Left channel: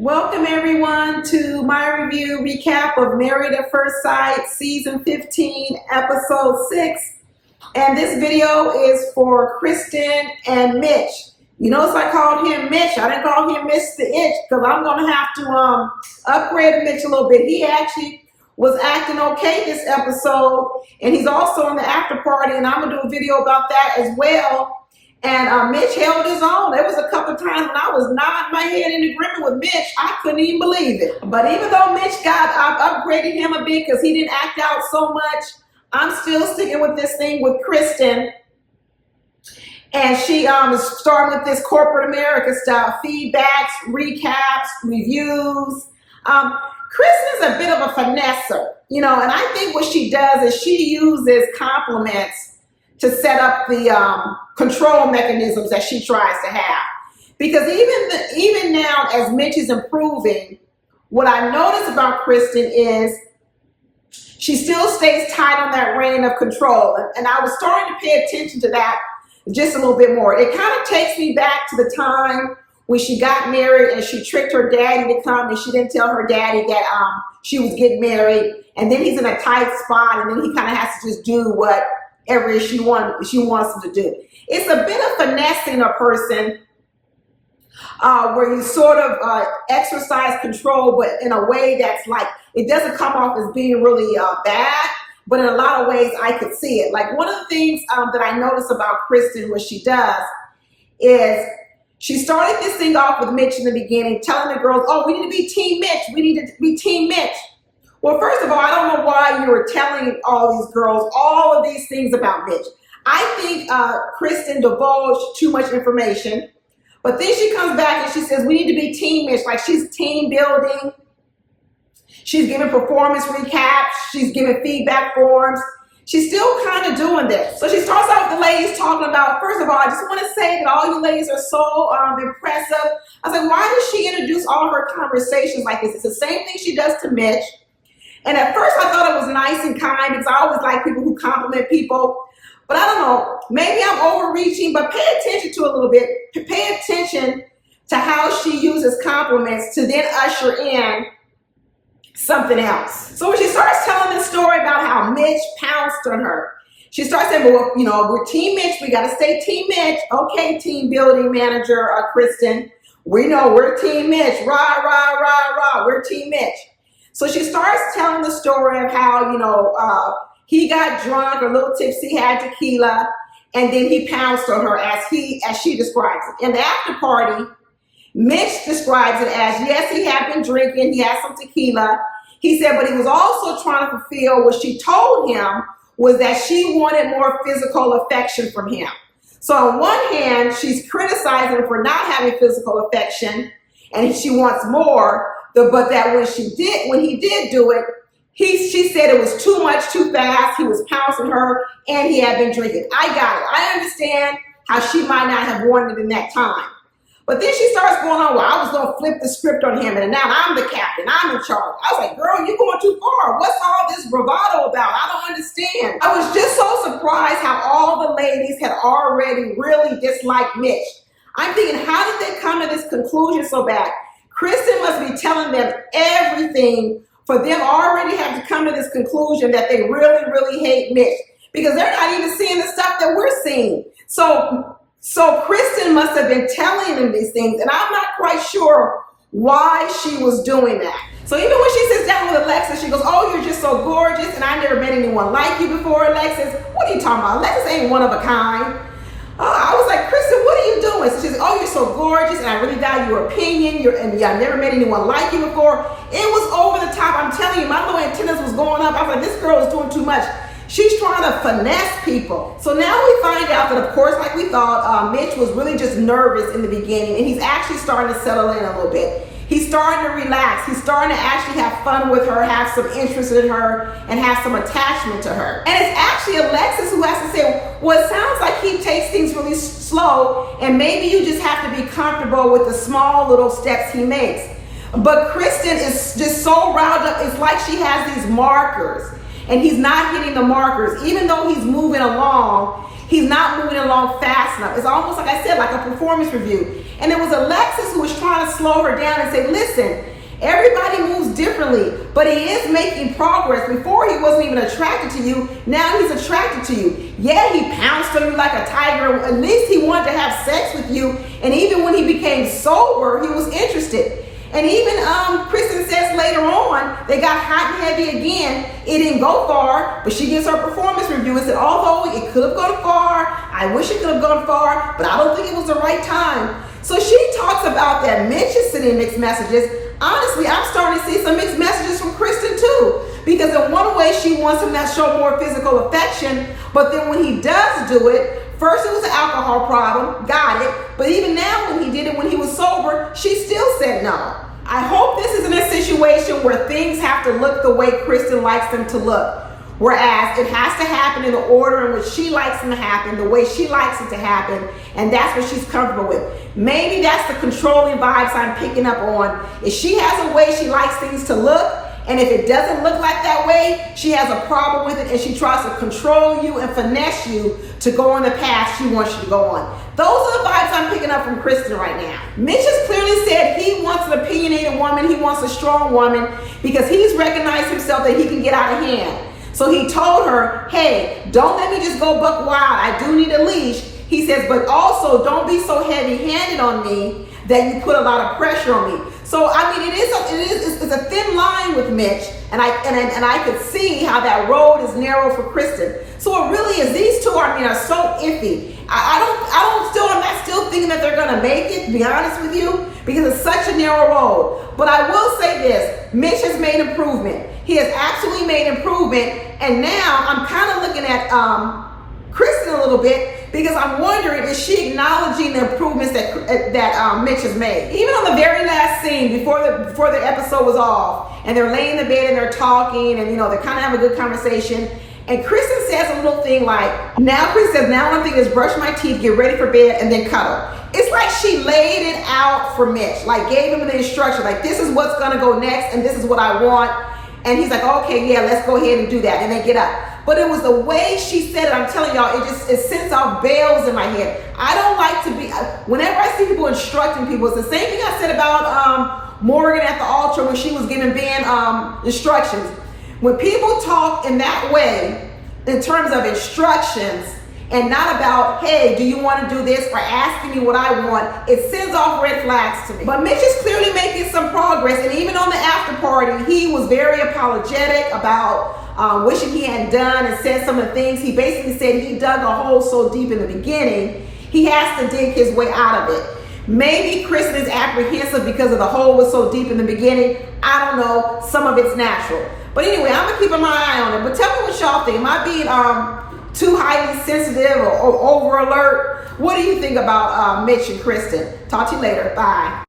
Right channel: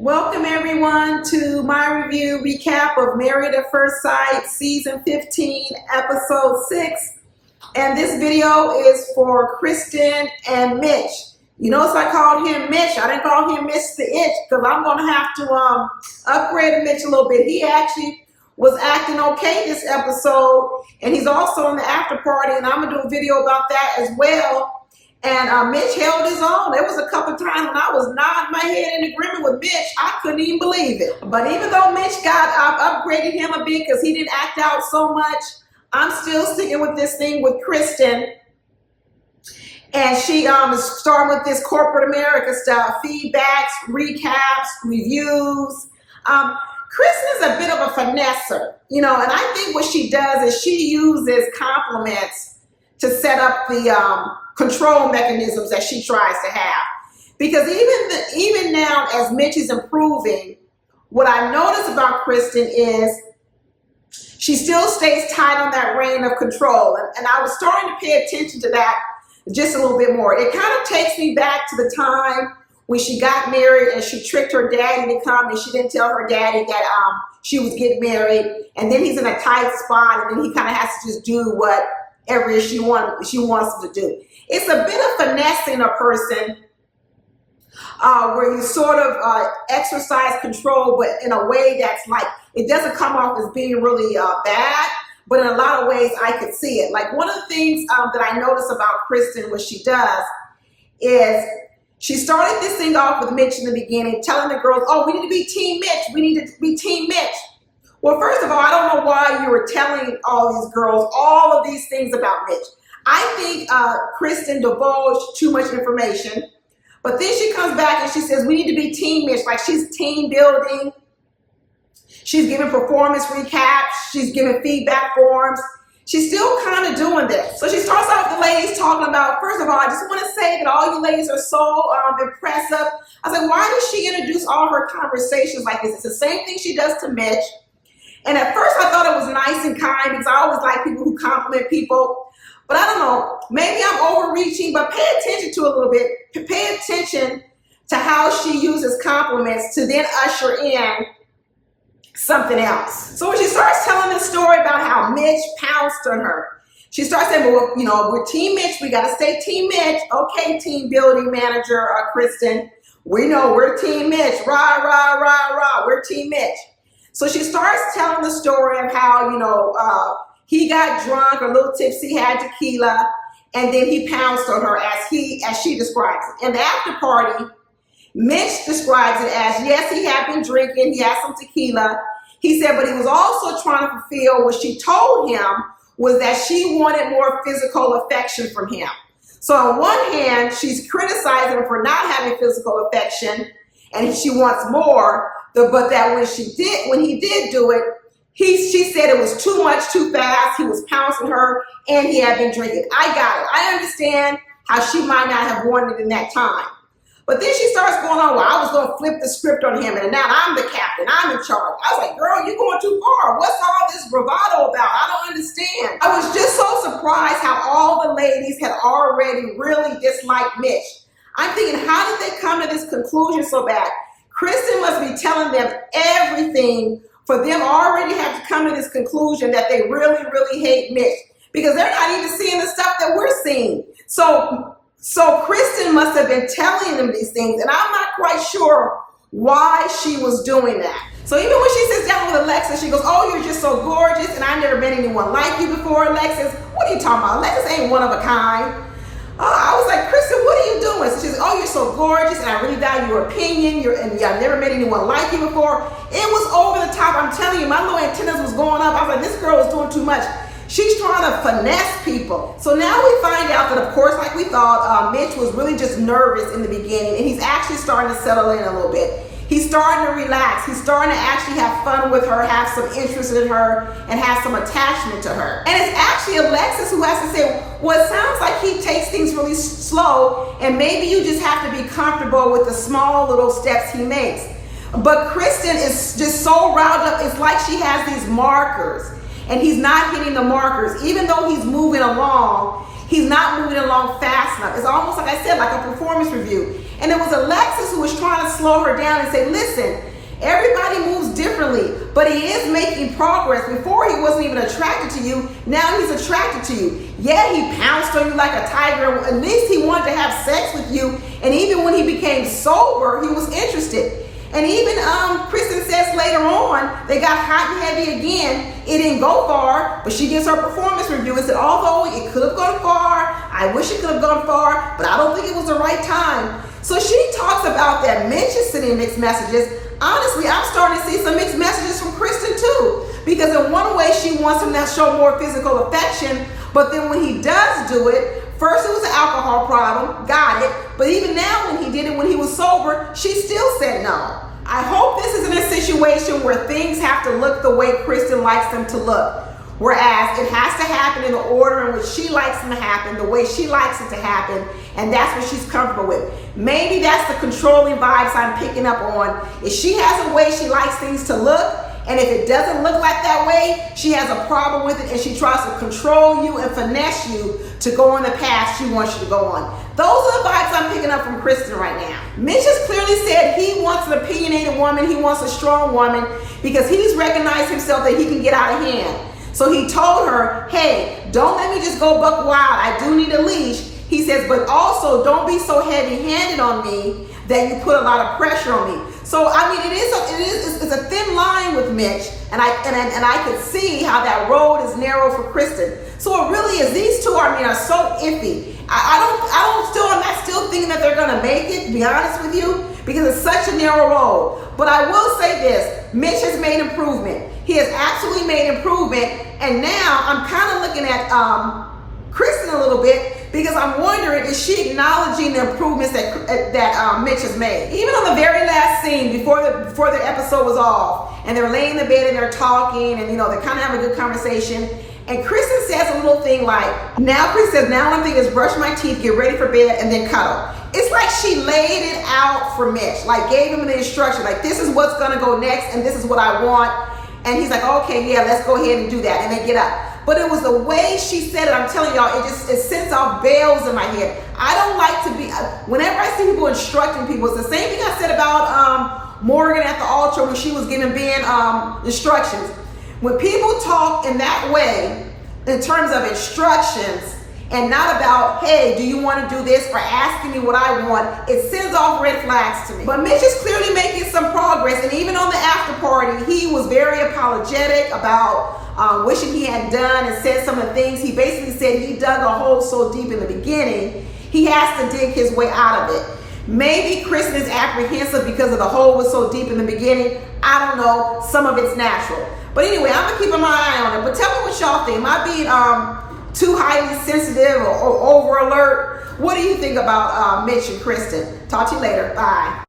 Welcome everyone to my review recap of Married at First Sight season 15 episode 6, and this video is for Krysten and Mitch. You notice I called him Mitch. I didn't call him Mr. Itch because I'm going to have to upgrade Mitch a little bit. He actually was acting okay this episode, and he's also in the after party, and I'm going to do a video about that as well. And Mitch held his own. There was a couple of times when I was nodding my head in agreement with Mitch. I couldn't even believe it. But even though Mitch I've upgraded him a bit because he didn't act out so much, I'm still sticking with this thing with Krysten. And she is starting with this corporate America stuff, feedbacks, recaps, reviews. Krysten is a bit of a finesser, you know, and I think what she does is she uses compliments to set up the control mechanisms that she tries to have. Because even now, as Mitch is improving, what I notice about Krysten is she still stays tight on that rein of control. And I was starting to pay attention to that just a little bit more. It kind of takes me back to the time when she got married and she tricked her daddy to come, and she didn't tell her daddy that she was getting married. And then he's in a tight spot, and then he kind of has to just do whatever she wants him to do. It's a bit of finessing a person where you sort of exercise control, but in a way that's like, it doesn't come off as being really bad, but in a lot of ways I could see it. Like one of the things that I notice about Krysten, what she does is she started this thing off with Mitch in the beginning, telling the girls, oh, we need to be Team Mitch. We need to be Team Mitch. Well, first of all, I don't know why you were telling all these girls all of these things about Mitch. I think Krysten divulged too much information, but then she comes back and she says, we need to be Team Mitch, like she's team building. She's giving performance recaps. She's giving feedback forms. She's still kind of doing this. So she starts out with the ladies talking about, first of all, I just want to say that all you ladies are so impressive. I was like, why does she introduce all her conversations like this? It's the same thing she does to Mitch. And at first I thought it was nice and kind because I always like people who compliment people. But I don't know, maybe I'm overreaching, but pay attention to a little bit. Pay attention to how she uses compliments to then usher in something else. So when she starts telling this story about how Mitch pounced on her, she starts saying, well, you know, we're Team Mitch. We got to stay Team Mitch. Okay, team building manager, Krysten. We know we're Team Mitch. Rah, rah, rah, rah. We're Team Mitch. So she starts telling the story of how, you know, he got drunk, a little tipsy, had tequila, and then he pounced on her as she describes it. In the after party, Mitch describes it as, yes, he had been drinking, he had some tequila. He said, but he was also trying to fulfill what she told him was that she wanted more physical affection from him. So on one hand, she's criticizing him for not having physical affection, and she wants more, but that when he did do it, she said it was too much, too fast. He was pouncing her, and he had been drinking. I got it. I understand how she might not have wanted it in that time. But then she starts going on, well, I was going to flip the script on him, and now I'm the captain. I'm in charge. I was like, girl, you're going too far. What's all this bravado about? I don't understand. I was just so surprised how all the ladies had already really disliked Mitch. I'm thinking, how did they come to this conclusion so bad? Krysten must be telling them everything for them already have to come to this conclusion that they really, really hate Mitch, because they're not even seeing the stuff that we're seeing. So Krysten must have been telling them these things, and I'm not quite sure why she was doing that. So even when she sits down with Alexis, she goes, oh, you're just so gorgeous, and I never met anyone like you before, Alexis. What are you talking about? Alexis ain't one of a kind. I was like, Krysten, what are you doing? So she's like, oh, you're so gorgeous, and I really value your opinion. And I've never met anyone like you before. It was over the top. I'm telling you, my little antennas was going up. I was like, this girl is doing too much. She's trying to finesse people. So now we find out that, of course, like we thought, Mitch was really just nervous in the beginning, and he's actually starting to settle in a little bit. He's starting to relax. He's starting to actually have fun with her, have some interest in her, and have some attachment to her. And it's actually Alexis who has to say, well, it sounds like he takes things really slow, and maybe you just have to be comfortable with the small little steps he makes. But Krysten is just so riled up. It's like she has these markers, and he's not hitting the markers. Even though he's moving along, He's not moving along fast enough. It's almost like I said, like a performance review. And it was Alexis who was trying to slow her down and say, listen, everybody moves differently, but he is making progress. Before he wasn't even attracted to you, now he's attracted to you. Yeah, he pounced on you like a tiger. At least he wanted to have sex with you. And even when he became sober, he was interested. And even Krysten says later on, they got hot and heavy again. It didn't go far, but she gives her performance review and said, although it could have gone far, I wish it could have gone far, but I don't think it was the right time. So she talks about that Mitch is sending mixed messages. Honestly, I'm starting to see some mixed messages from Krysten too. Because in one way, she wants him to show more physical affection, but then when he does do it, first it was an alcohol problem, got it, but even now when he did it when he was sober, she still said no. I hope this isn't a situation where things have to look the way Krysten likes them to look. Whereas it has to happen in the order in which she likes them to happen, the way she likes it to happen, and that's what she's comfortable with. Maybe that's the controlling vibes I'm picking up on. If she has a way she likes things to look, and if it doesn't look like that way, she has a problem with it and she tries to control you and finesse you to go on the path she wants you to go on. Those are the vibes I'm picking up from Krysten right now. Mitch has clearly said he wants an opinionated woman, he wants a strong woman, because he's recognized himself that he can get out of hand. So he told her, hey, don't let me just go buck wild. I do need a leash. He says, but also don't be so heavy-handed on me that you put a lot of pressure on me. So I mean, it's a thin line with Mitch, and I could see how that road is narrow for Krysten. So it really is. These two, are so iffy. I'm not still thinking that they're gonna make it, to be honest with you, because it's such a narrow road. But I will say this: Mitch has made improvement. He has absolutely made improvement, and now I'm kind of looking at Krysten a little bit, because I'm wondering, is she acknowledging the improvements that Mitch has made? Even on the very last scene, before the episode was off, and they're laying in the bed and they're talking, and they're kind of having a good conversation, and Krysten says a little thing like, Krysten says, now one thing is brush my teeth, get ready for bed, and then cuddle. It's like she laid it out for Mitch, like gave him the instruction, like this is what's gonna go next, and this is what I want. And he's like, okay, yeah, let's go ahead and do that, and then get up. But it was the way she said it. I'm telling y'all, it sends off bells in my head. I don't like to be, whenever I see people instructing people, it's the same thing I said about Morgan at the altar when she was giving Ben instructions. When people talk in that way, in terms of instructions, and not about, hey, do you want to do this, or asking me what I want, it sends off red flags to me. But Mitch is clearly making some progress, and even on the after party, he was very apologetic about wishing he hadn't done, and said some of the things. He basically said he dug a hole so deep in the beginning, he has to dig his way out of it. Maybe Krysten is apprehensive because of the hole was so deep in the beginning. I don't know. Some of it's natural. But anyway, I'm going to keep my eye on it. But tell me what y'all think. Am I being too highly sensitive or over alert? What do you think about Mitch and Krysten? Talk to you later. Bye.